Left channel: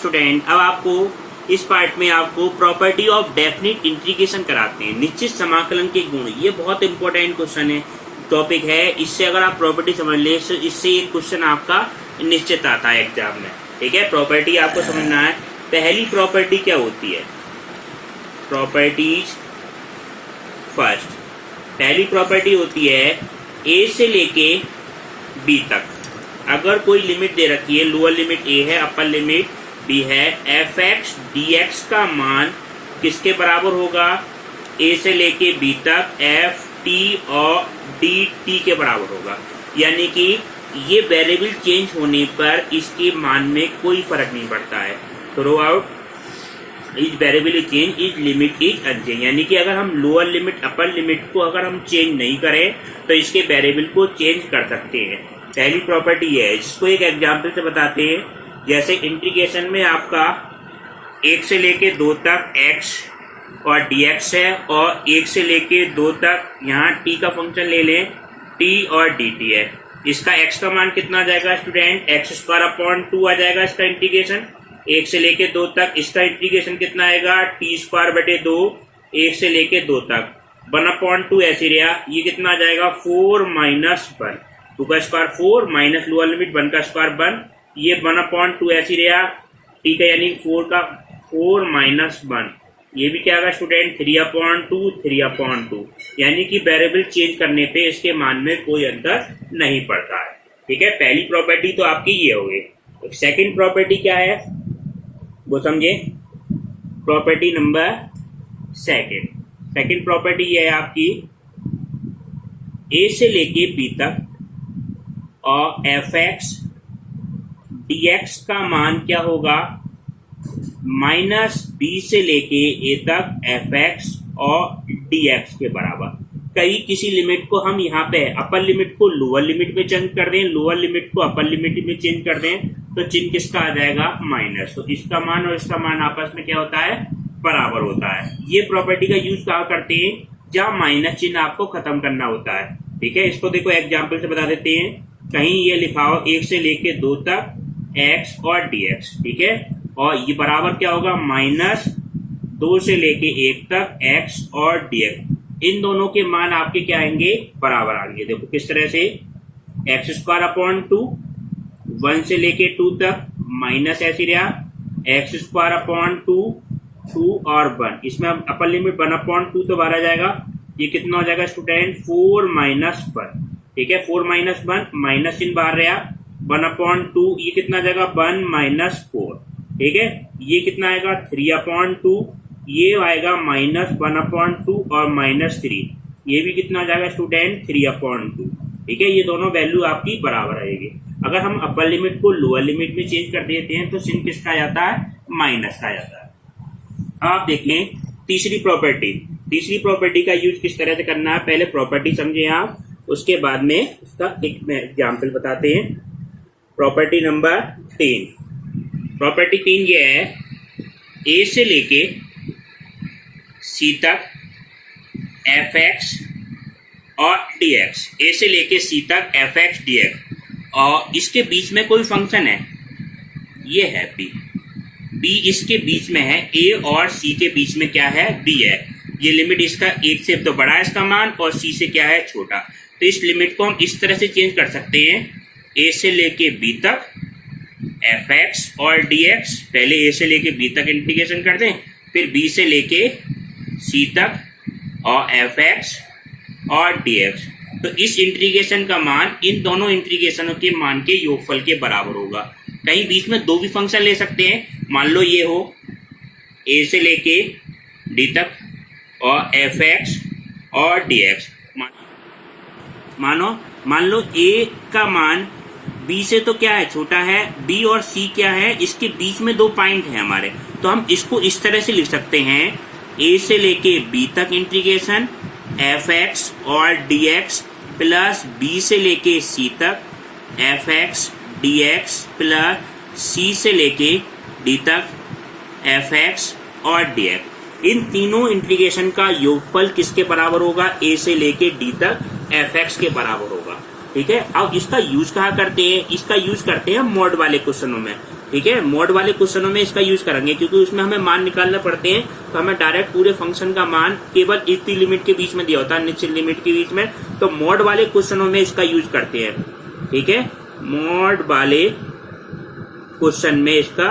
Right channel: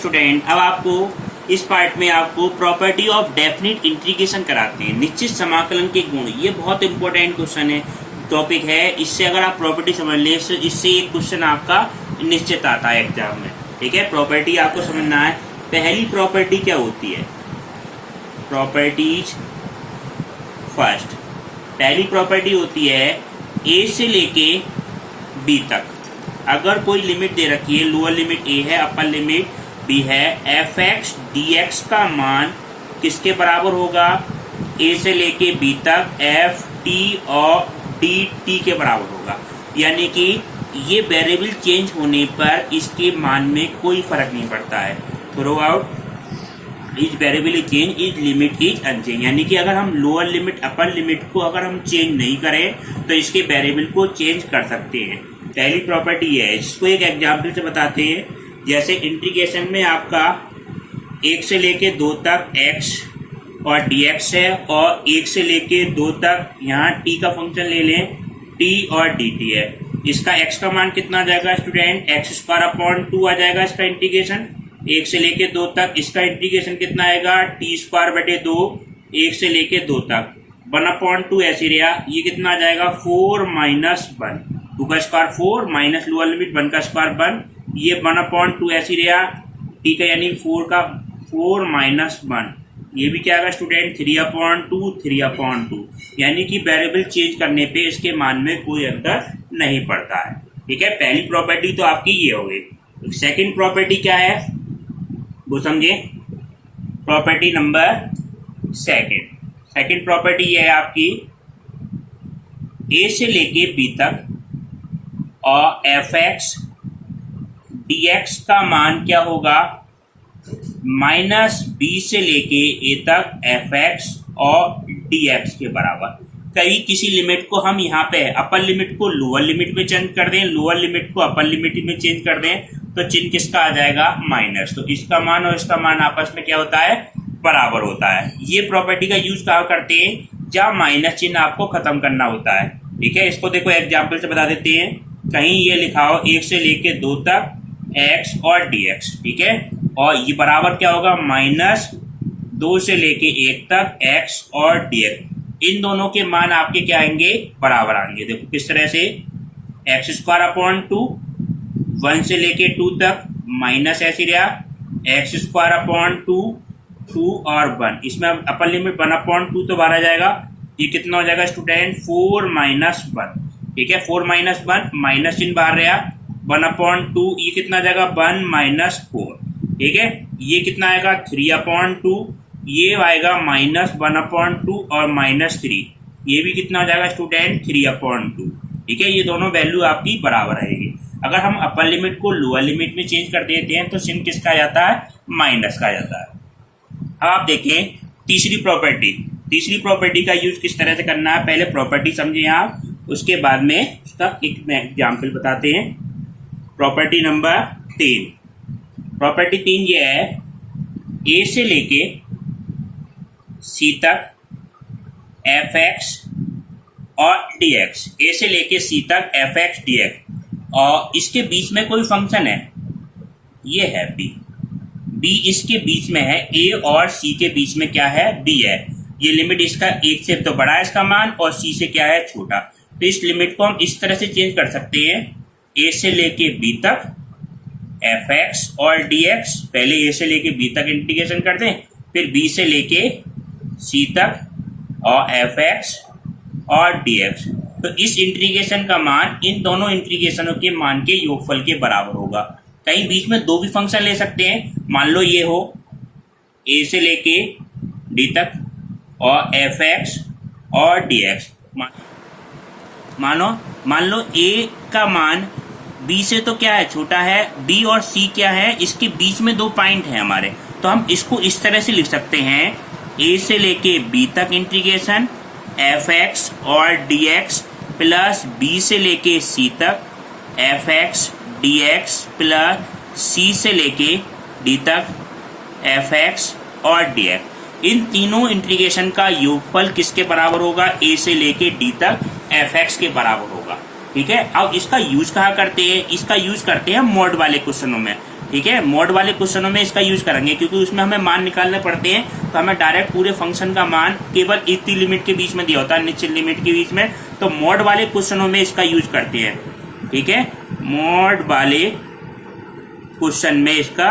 Student, अब आपको इस पार्ट में आपको प्रॉपर्टी ऑफ डेफिनिट इंटीग्रेशन कराते हैं, निश्चित समाकलन के गुण। ये बहुत इंपॉर्टेंट क्वेश्चन है, टॉपिक है। इससे अगर आप प्रॉपर्टी समझ ले तो इससे एक क्वेश्चन आपका निश्चित आता है एग्जाम में। ठीक है, प्रॉपर्टी आपको समझना है। पहली प्रॉपर्टी क्या होती है? Properties first. पहली प्रॉपर्टी होती है ए से लेके बी तक। अगर कोई लिमिट दे रखी है, लोअर लिमिट ए है, अपर लिमिट बी है, एफ एक्स डी एक्स का मान किसके बराबर होगा? ए से लेके बी तक एफ टी और डी टी के बराबर होगा। यानी कि ये वेरिएबल चेंज होने पर इसके मान में कोई फर्क नहीं पड़ता है। Throughout is variable is change, is limit is unchange. यानी कि अगर हम लोअर लिमिट अपर लिमिट को अगर हम चेंज नहीं करें तो इसके वेरिएबल को चेंज कर सकते हैं। पहली प्रॉपर्टी ये है, जिसको एक एग्जाम्पल से बताते हैं। जैसे इंटीग्रेशन में आपका 1 से लेके 2 तक x और dx है, और 1 से लेके 2 तक यहाँ t का फंक्शन ले लें, t और dt है। इसका x का मान कितना आ जाएगा स्टूडेंट? x² आ जाएगा इसका इंटीग्रेशन। 1 से लेके 2 तक इसका इंटीग्रेशन कितना आएगा? t²/2 1 से लेके 2 तक 1/2 ऐसे रहा। ये कितना आ जाएगा? 4 - 1, 2 का स्क्वायर 4 माइनस लोअर लिमिट 1 का स्क्वायर 1, ये 1/2 ऐसे रहा। ठीक है, यानी 4 - 1, ये भी क्या आएगा स्टूडेंट? 3/2। यानी कि वेरिएबल चेंज करने पे इसके मान में कोई अंतर नहीं पड़ता है। ठीक है, पहली प्रॉपर्टी तो आपकी ये हो गई। सेकंड प्रॉपर्टी क्या है वो समझे। प्रॉपर्टी नंबर सेकंड प्रॉपर्टी ये है आपकी, ए से लेके बी तक और एफ एक्स डी एक्स का मान क्या होगा? -b से लेके a तक एफ एक्स और डी एक्स के बराबर। कहीं किसी लिमिट को हम यहाँ पे अपर लिमिट को लोअर लिमिट में चेंज कर दें, लोअर लिमिट को अपर लिमिट में चेंज कर दें, तो चिन्ह किसका आ जाएगा? माइनस। तो इसका मान और इसका मान आपस में क्या होता है? बराबर होता है। ये प्रॉपर्टी का यूज कहाँ करते हैं? जहाँ माइनस चिन्ह आपको खत्म करना होता है। ठीक है, इसको देखो एग्जाम्पल से बता देते हैं। कहीं ये लिखा हो 1 से लेके 2 तक x और dx। ठीक है, और ये बराबर क्या होगा? -2 से लेके 1 तक x और dx। इन दोनों के मान आपके क्या आएंगे? बराबर आएंगे। देखो किस तरह से, x²/2 1 से लेके 2 तक माइनस ऐसे रहा, x²/2 2 और 1। इसमें अपर लिमिट 1/2 तो बाहर आ जाएगा। ये कितना हो जाएगा स्टूडेंट? 4 - 1। ठीक है, 4 - 1 माइनस चिन्ह बाहर रहा, 1/2। ये कितना आ जाएगा? 1 - 4। ठीक है, ये कितना आएगा? 3/2। ये आएगा -1/2 और -3। ये भी कितना आ जाएगा स्टूडेंट? 3/2। ठीक है, ये दोनों वैल्यू आपकी बराबर आएगी। अगर हम अपर लिमिट को लोअर लिमिट में चेंज कर देते हैं तो चिन्ह किसका आ जाता है? माइनस का आ जाता है। आप देखें तीसरी प्रॉपर्टी का यूज किस तरह से करना है। पहले प्रॉपर्टी समझे आप, उसके बाद में उसका एक एग्जाम्पल बताते हैं। Property number 3। प्रॉपर्टी 3 ये है, ए से लेके सी तक एफ एक्स और डी एक्स। ए से लेके सी तक एफ एक्स डी एक्स, और इसके बीच में कोई फंक्शन है, ये है बी इसके बीच में है। ए और सी के बीच में क्या है? बी है। ये लिमिट इसका 1 से तो बड़ा है इसका मान, और सी से क्या है? छोटा। तो इस लिमिट को हम इस तरह से चेंज कर सकते हैं, ए से लेके बी तक एफ एक्स और डी एक्स। पहले ए से लेके बी तक इंटीग्रेशन कर दें, फिर बी से लेके सी तक और एफ एक्स और डी एक्स। तो इस इंटीग्रेशन का मान इन दोनों इंटीग्रेशनों के मान के योगफल के बराबर होगा। कहीं बीच में 2 भी फंक्शन ले सकते हैं। मान लो ये हो ए से लेके डी तक और एफ एक्स और डी एक्स। मान लो ए का मान बी से तो क्या है? छोटा है। बी और सी क्या है? इसके बीच में 2 पॉइंट है हमारे, तो हम इसको इस तरह से लिख सकते हैं, ए से लेके बी तक इंटीग्रेशन एफ एक्स और डी एक्स प्लस बी से लेके सी तक F X D X plus C से लेके डी तक एफ एक्स और डी एक्स। इन तीनों इंटीग्रेशन का योगफल किसके बराबर होगा? ए से लेके डी तक एफ एक्स के बराबर होगा। ठीक है, अब इसका यूज कहाँ करते हैं? इसका यूज करते हैं मोड वाले क्वेश्चनों में। ठीक है, मॉड वाले क्वेश्चनों में इसका यूज करेंगे क्योंकि उसमें हमें मान निकालना पड़ते हैं, तो हमें डायरेक्ट पूरे फंक्शन का मान केवल इतनी लिमिट के बीच में दिया होता है, निश्चित लिमिट के बीच में, तो मॉड वाले क्वेश्चनों में इसका यूज करते हैं। ठीक है, मॉड वाले क्वेश्चन में इसका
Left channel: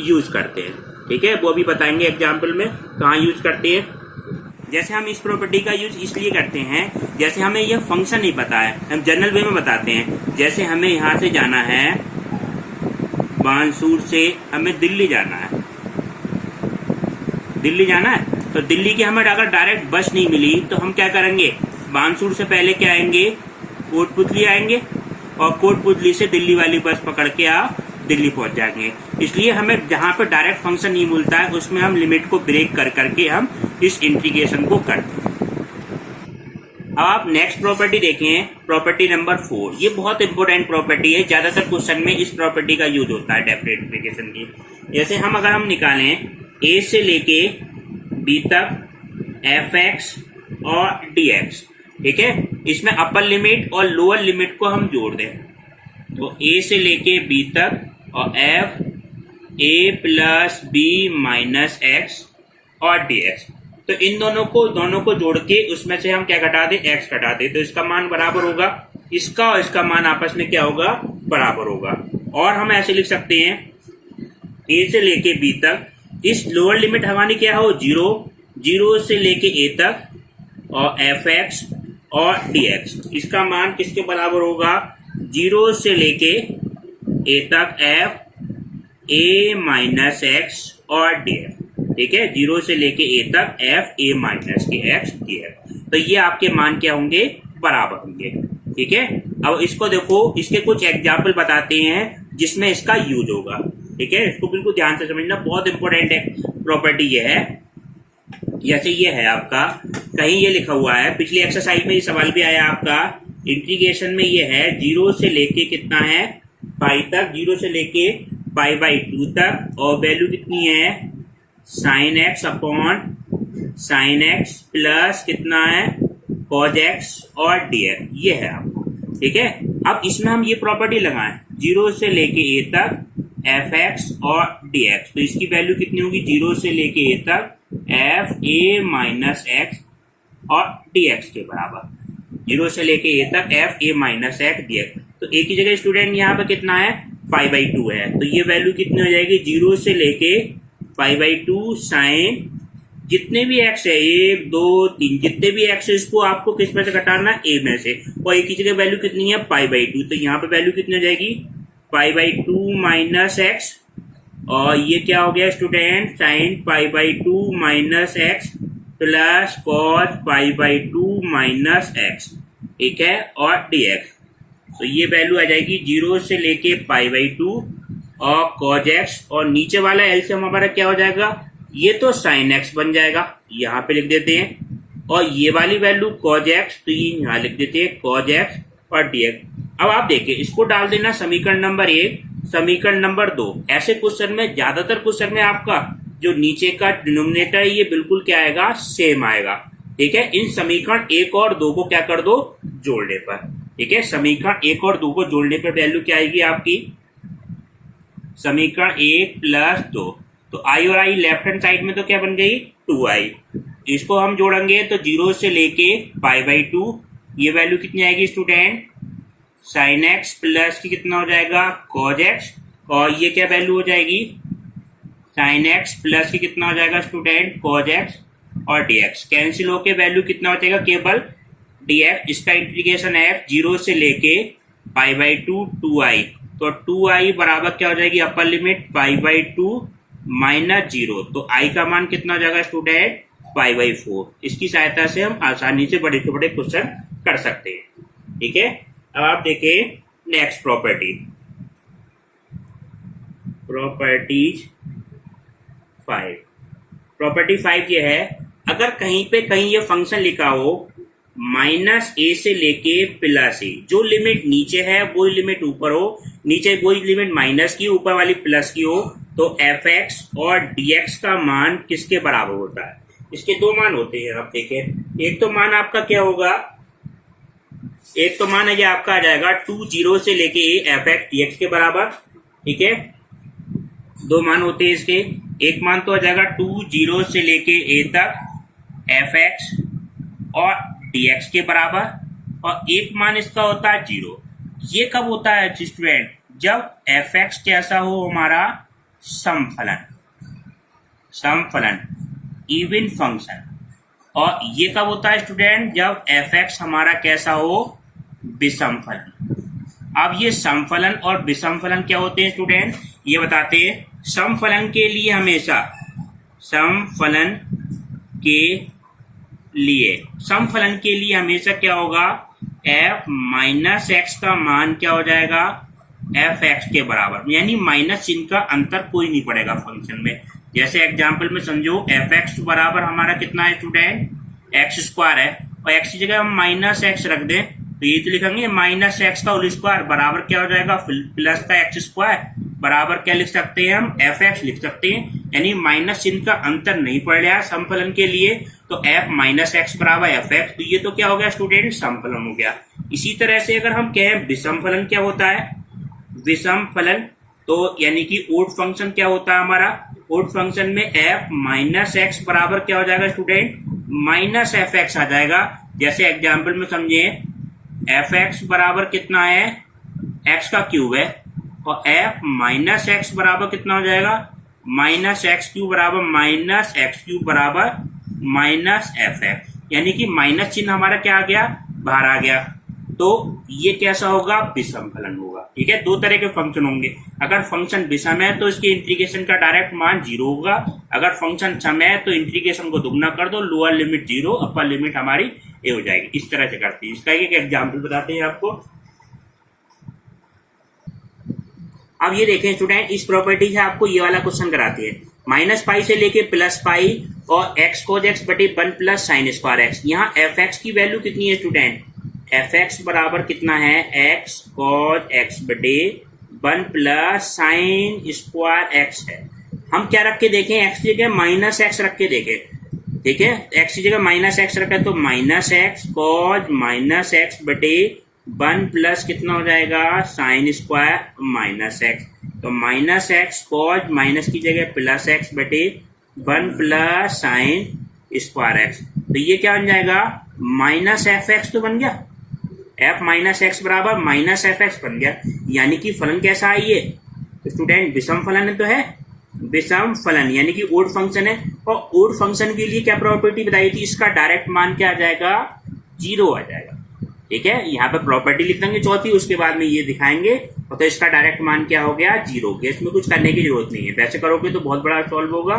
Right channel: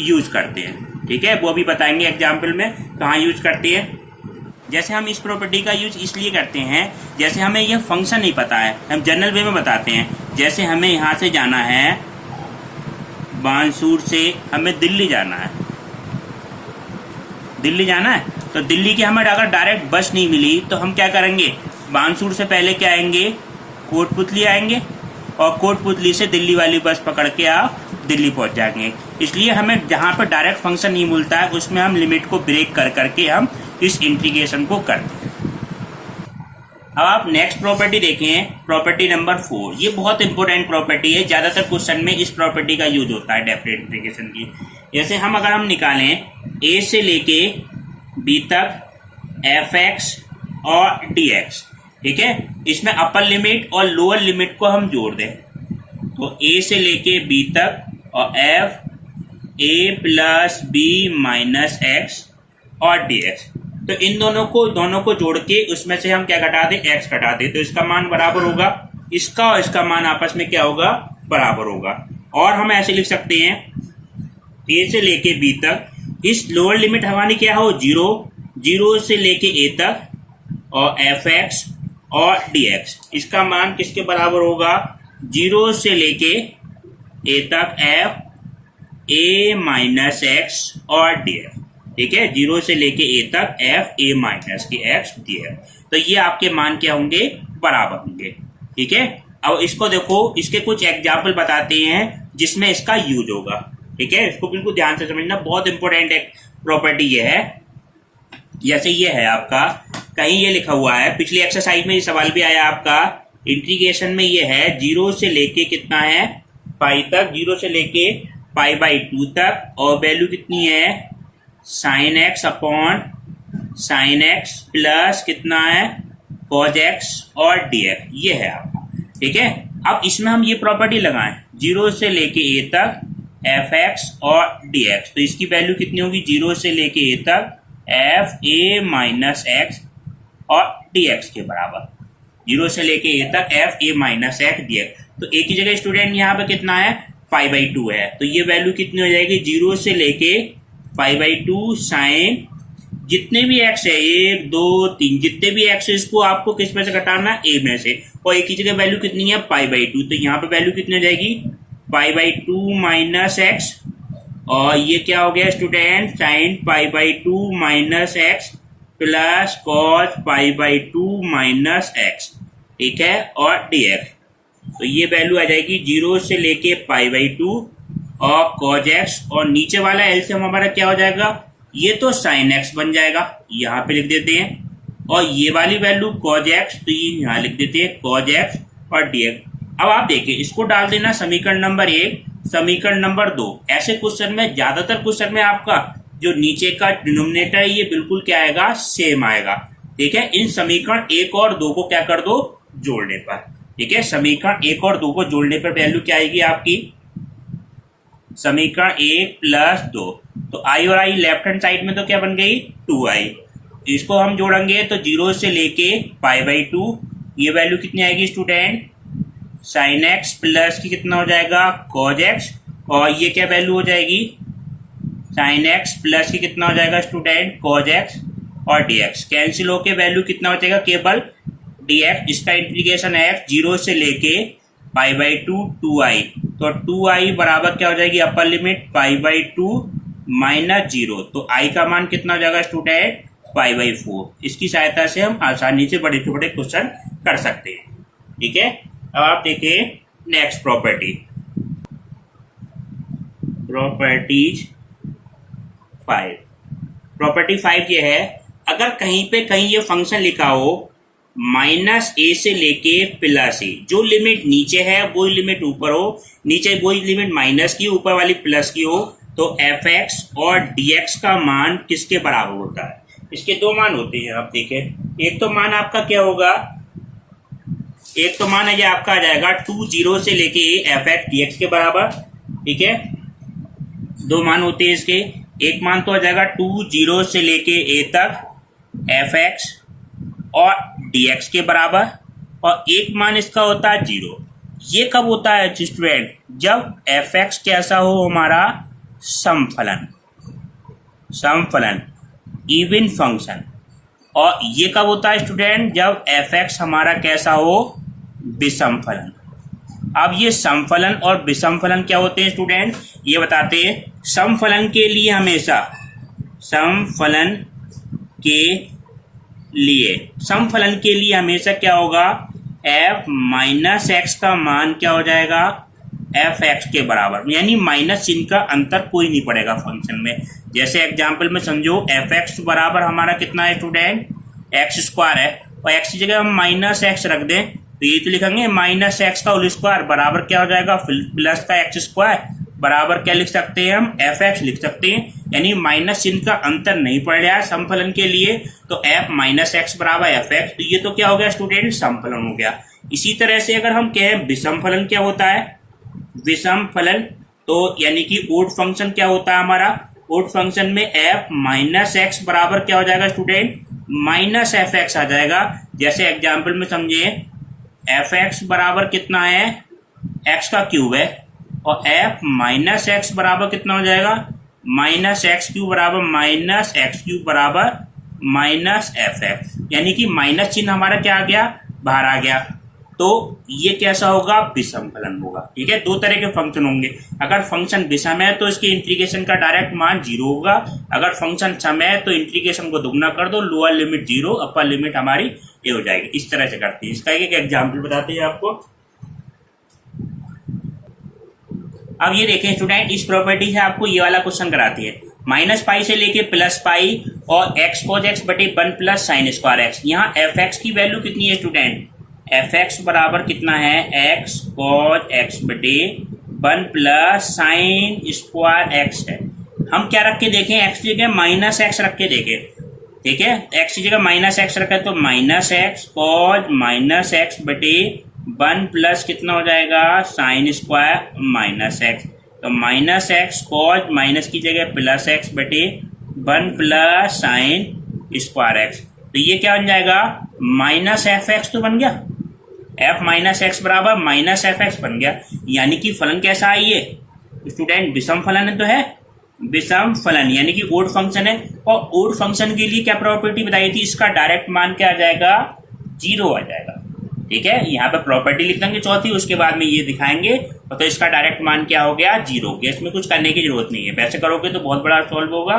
यूज करते हैं। ठीक है, वो भी बताएंगे एग्जाम्पल में कहाँ यूज करते हैं। जैसे हम इस प्रॉपर्टी का यूज इसलिए करते हैं, जैसे हमें यह फंक्शन नहीं पता है, हम जनरल वे में बताते हैं। जैसे हमें यहाँ से जाना है, बानसूर से हमें दिल्ली जाना है, दिल्ली जाना है, तो दिल्ली की हमें अगर डायरेक्ट बस नहीं मिली तो हम क्या करेंगे, बानसूर से पहले क्या आएंगे, कोटपुतली आएंगे, और कोटपुतली से दिल्ली वाली बस पकड़ के आप दिल्ली पहुंच जाएंगे। इसलिए हमें जहां पर डायरेक्ट फंक्शन नहीं मिलता है उसमें हम लिमिट को ब्रेक कर करके हम इस इंटीग्रेशन को करते हैं। अब आप नेक्स्ट प्रॉपर्टी देखें, प्रॉपर्टी नंबर 4। ये बहुत इंपॉर्टेंट प्रॉपर्टी है, ज्यादातर क्वेश्चन में इस प्रॉपर्टी का यूज होता है डेफिनेट इंटीग्रेशन की। जैसे अगर हम निकालें a से लेके b तक fx और dx, ठीक है, इसमें अपर लिमिट और लोअर लिमिट को हम जोड़ दें, तो a से लेके b तक और f a plus b minus x और dx, तो इन दोनों को जोड़ के उसमें से हम क्या घटा दें, x घटा दें, तो इसका मान बराबर होगा, इसका और इसका मान आपस में क्या होगा, बराबर होगा। और हम ऐसे लिख सकते हैं a से लेके b तक, इस लोअर लिमिट हमारी क्या हो, 0 से लेके a तक और fx और dx, इसका मान किसके बराबर होगा, 0 से लेके a तक f a माइनस x और dx। ठीक है, 0 से लेके a तक f a माइनस के x dx, तो ये आपके मान क्या होंगे, बराबर होंगे। ठीक है, अब इसको देखो, इसके कुछ एग्जाम्पल बताते हैं जिसमें इसका यूज होगा। ठीक है, इसको बिल्कुल ध्यान से समझना, बहुत इंपॉर्टेंट एक प्रॉपर्टी ये है। जैसे ये है आपका, कहीं ये लिखा हुआ है, पिछली एक्सरसाइज में ये सवाल भी आया आपका, इंटीग्रेशन में ये है 0 से लेके कितना है, पाई तक, 0 से लेके पाई बाई 2 तक, और वैल्यू कितनी है, sine x upon sine x plus कितना है, कॉज एक्स और dx, ये है आपका। ठीक है, अब इसमें हम ये प्रॉपर्टी लगाएं, 0 से लेके a तक fx और dx, तो इसकी वैल्यू कितनी होगी, 0 से लेके a तक f a माइनस x और dx के बराबर, 0 से लेके a तक f a minus x dx। तो a की जगह स्टूडेंट यहाँ पे कितना है, पाई बाई 2 है, तो ये वैल्यू कितनी हो जाएगी, 0 से लेके पाई बाई 2 साइन जितने भी x है, 1 2 3 जितने भी x है, इसको आपको किस में से घटाना, a में से, और a की जगह वैल्यू कितनी है, पाई बाई 2, तो यहाँ पे वैल्यू कितनी हो जाएगी, पाई बाई 2 माइनस एक्स, और ये क्या हो गया student, sine pi by 2 minus x plus cos pi by 2 minus x. ठीक है, और dx, तो ये वैल्यू आ जाएगी 0 से लेके पाई बाई 2 और कॉज एक्स, और नीचे वाला एलसीएम हमारा क्या हो जाएगा, ये तो साइन एक्स बन जाएगा, यहाँ पे लिख देते हैं, और ये वाली वैल्यू कॉज एक्स, तो ये यहाँ लिख देते हैं कॉज एक्स और dx। अब आप देखिए, इसको डाल देना समीकरण नंबर 1, समीकरण नंबर 2। ऐसे क्वेश्चन में, ज्यादातर क्वेश्चन में आपका जो नीचे का डिनोमिनेटर है ये बिल्कुल क्या आएगा, सेम आएगा। ठीक है, इन समीकरण 1 और 2 को क्या कर दो, जोड़ने पर। ठीक है, समीकरण 1 और 2 को जोड़ने पर वैल्यू क्या आएगी आपकी, समीकरण 1 प्लस 2, तो i और i लेफ्ट हैंड साइड में तो क्या बन गई, 2i, इसको हम जोड़ेंगे तो 0 से लेके पाई बाई 2, ये वैल्यू कितनी आएगी स्टूडेंट, साइन एक्स प्लस की कितना हो जाएगा, कॉज एक्स, और ये क्या वैल्यू हो जाएगी, साइन एक्स प्लस की कितना हो जाएगा स्टूडेंट, कॉज एक्स और dx, कैंसिल होके वैल्यू कितना हो जाएगा, केवल dx, इसका इंटीग्रेशन है 0 से लेके पाई बाई 2 2i, तो 2i बराबर क्या हो जाएगी, upper limit pi by 2 minus 0, तो i का मान कितना हो जाएगा स्टूडेंट, पाई बाई 4। इसकी सहायता से हम आसानी से बड़े से बड़े क्वेश्चन कर सकते हैं। ठीक है, अब आप देखिए नेक्स्ट प्रॉपर्टी, प्रॉपर्टीज 5। प्रॉपर्टी 5 ये है, अगर कहीं ये फंक्शन लिखा हो माइनस a से लेके प्लस a, जो लिमिट नीचे है वो लिमिट ऊपर हो, नीचे वही लिमिट माइनस की, ऊपर वाली प्लस की हो, तो fx और dx का मान किसके बराबर होता है, इसके दो मान होते हैं। आप देखें, एक तो मान आपका क्या होगा, एक तो मान है ये आपका आ जाएगा 2 0 से लेके fx dx के बराबर। ठीक है, दो मान होते हैं इसके। एक मान तो आ जाएगा 2 0 से लेके a तक एफ एक्स और dx के बराबर, और एक मान इसका होता है 0। ये कब होता है स्टूडेंट? जब एफ एक्स कैसा हो हमारा समफलन, समफलन इवन फंक्शन। और ये कब होता है स्टूडेंट? जब एफ एक्स हमारा कैसा हो विषमफलन। अब ये समफलन और विषमफलन क्या होते हैं स्टूडेंट, ये बताते हैं। समफलन के लिए हमेशा, समफलन के लिए, समफलन के लिए हमेशा क्या होगा, एफ माइनस एक्स का मान क्या हो जाएगा, एफ एक्स के बराबर, यानी माइनस चिन्ह का अंतर कोई नहीं पड़ेगा फंक्शन में। जैसे एग्जांपल में समझो, एफ एक्स बराबर हमारा कितना है स्टूडेंट, एक्स स्क्वायर है, और एक्स की जगह हम माइनस एक्स रख दें तो ये तो लिखेंगे माइनस एक्स का होल स्क्वायर बराबर क्या हो जाएगा, प्लस का एक्स स्क्वायर बराबर क्या लिख सकते हैं हम, एफ एक्स लिख सकते हैं। यानी माइनस चिन्ह का अंतर नहीं पड़ रहा है समफलन के लिए, तो एफ माइनस एक्स बराबर एफ एक्स, तो ये तो क्या हो गया स्टूडेंट, समफलन हो गया। इसी तरह से अगर हम कहें विषमफलन क्या होता है, विषमफलन तो यानी कि ओड फंक्शन क्या होता है हमारा, ओड फंक्शन में एफ माइनस एक्स बराबर क्या हो जाएगा स्टूडेंट, माइनस एफ एक्स आ जाएगा। जैसे एग्जाम्पल में समझे, एफ एक्स बराबर कितना है, एक्स का क्यूब है, और एफ माइनस एक्स बराबर कितना हो जाएगा, माइनस एक्स क्यूब बराबर माइनस एक्स क्यूब बराबर माइनस एफ एक्स, यानी कि माइनस चिन्ह हमारा क्या आ गया, बाहर आ गया। तो ये कैसा होगा, विषमफलन होगा। ठीक है, दो तरह के फंक्शन होंगे। अगर फंक्शन विषम है तो इसके इंटीग्रेशन का डायरेक्ट मान 0 होगा, अगर फंक्शन सम है तो इंटीग्रेशन को दुगना कर दो, लोअर लिमिट 0 अपर लिमिट हमारी ए हो जाएगी। इस तरह से करते हैं। इसका एक एग्जाम्पल बताते हैं आपको। अब ये देखें स्टूडेंट, इस प्रॉपर्टी से आपको ये वाला क्वेश्चन कराती है, माइनस पाई से लेके प्लस पाई और एक्स कोज एक्स बटे 1 प्लस साइन स्क्वायर एक्स। यहाँ एफ एक्स की वैल्यू कितनी है स्टूडेंट, एफ एक्स बराबर कितना है, एक्स कॉज एक्स बटे 1 प्लस साइन स्क्वायर एक्स है। हम क्या रख के देखें, एक्स की जगह माइनस एक्स रख के देखें। ठीक है, एक्स की जगह माइनस एक्स रखा है तो minus x cos minus x बटे 1 प्लस कितना हो जाएगा, साइन स्क्वायर माइनस एक्स। तो माइनस एक्स कॉज माइनस की जगह प्लस एक्स बटे 1 प्लस साइन स्क्वायर एक्स। तो ये क्या बन जाएगा, माइनस एफ एक्स तो बन गया, एफ माइनस एक्स बराबर माइनस एफ एक्स बन गया। यानी कि फलन कैसा है ये तो स्टूडेंट, विषम फलन तो है, विषम फलन यानी कि ओड फंक्शन है। और ओड फंक्शन के लिए क्या प्रॉपर्टी बताई थी, इसका डायरेक्ट मान क्या आ जाएगा, 0 आ जाएगा। ठीक है, यहाँ पे प्रॉपर्टी लिख देंगे चौथी, उसके बाद में ये दिखाएंगे। तो इसका डायरेक्ट मान क्या हो गया, 0 हो गया। इसमें कुछ करने की जरूरत नहीं है, वैसे करोगे तो बहुत बड़ा सॉल्व होगा।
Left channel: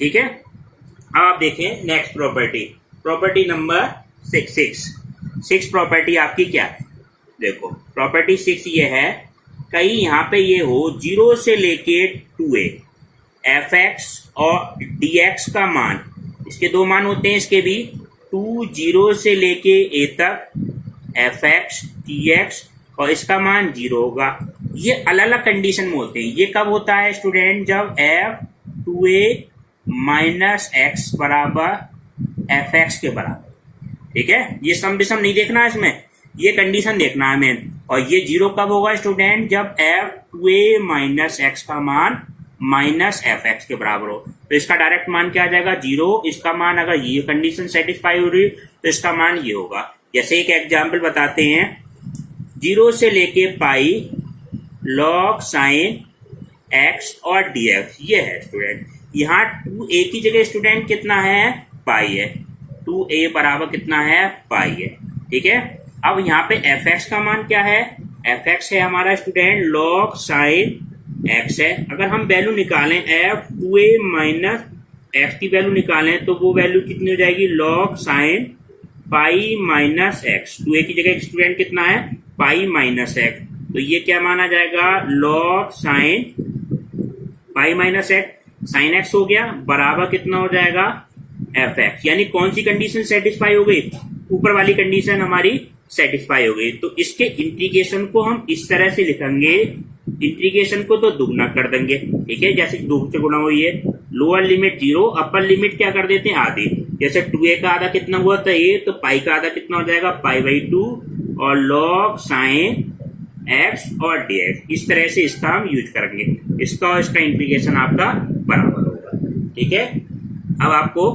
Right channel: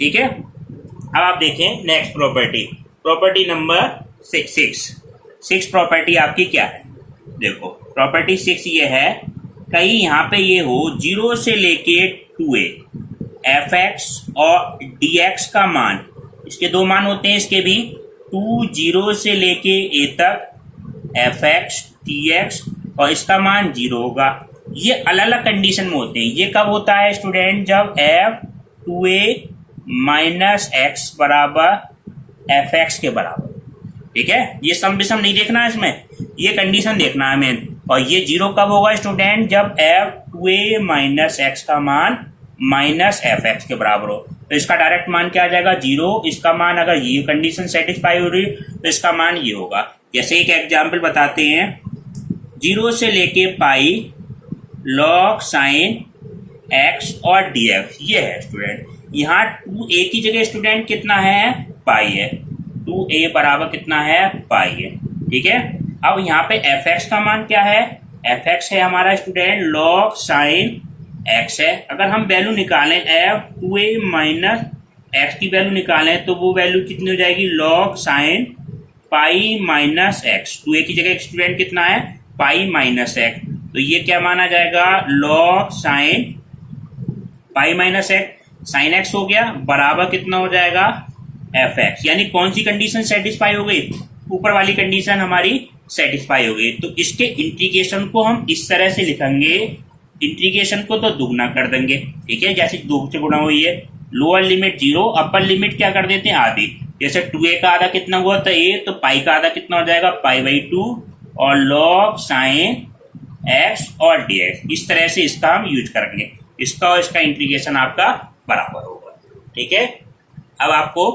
ठीक है, अब आप देखें next property, property number 6 property आपकी क्या है, देखो प्रॉपर्टी 6 ये है, कहीं यहाँ पे ये हो 0 से लेके 2a एफ एक्स और dx का मान, इसके दो मान होते हैं इसके भी, 2 0 से लेके a तक एफ एक्स dx और इसका मान 0 होगा। ये अलग अलग कंडीशन में होते हैं। ये कब होता है स्टूडेंट, जब f 2a माइनस एक्स बराबर एफ एक्स के बराबर। ठीक है, ये सम विषम नहीं देखना है इसमें, ये कंडीशन देखना है मेन। और ये 0 कब होगा स्टूडेंट, जब f 2a माइनस एक्स का मान माइनस एफ एक्स के बराबर हो। तो इसका डायरेक्ट मान क्या आ जाएगा, 0। इसका मान अगर ये कंडीशन सेटिस्फाई हो रही तो इसका मान ये होगा। जैसे एक एग्जाम्पल बताते हैं, 0 से लेके पाई लॉग साइन एक्स और dx ये है स्टूडेंट। यहाँ 2a की जगह स्टूडेंट कितना है, पाई है, 2a बराबर कितना है, पाई है। ठीक है, अब यहाँ पे एफ एक्स का मान क्या है, एफ एक्स है हमारा स्टूडेंट लॉग साइन एक्स है। अगर हम वैल्यू निकालें एफ 2a माइनस एक्स की वैल्यू निकालें तो वो वैल्यू कितनी हो जाएगी, log sine pi minus x. 2a की जगह स्टूडेंट कितना है, पाई माइनस एक्स, तो ये क्या माना जाएगा, log sine pi minus x sine x हो गया, बराबर कितना हो जाएगा, एफ एक्स। यानी कौन सी कंडीशन सेटिस्फाई हो गई, ऊपर वाली कंडीशन हमारी सेटिस्फाई हो गई। तो इसके इंटीग्रेशन को हम इस तरह से लिखेंगे, इंटीग्रेशन को तो दुगना कर देंगे। ठीक है, जैसे 2 से गुणा हुई है, लोअर लिमिट 0 अपर लिमिट क्या कर देते हैं, आधी। जैसे 2a का आधा कितना हुआ था a, तो पाई का आधा कितना हो जाएगा, पाई बाई 2 और लॉग साइन एक्स और डी एक्स, इस तरह से इसका हम यूज करेंगे, इसका और इसका इंटीग्रेशन आपका बराबर होगा। ठीक है, अब आपको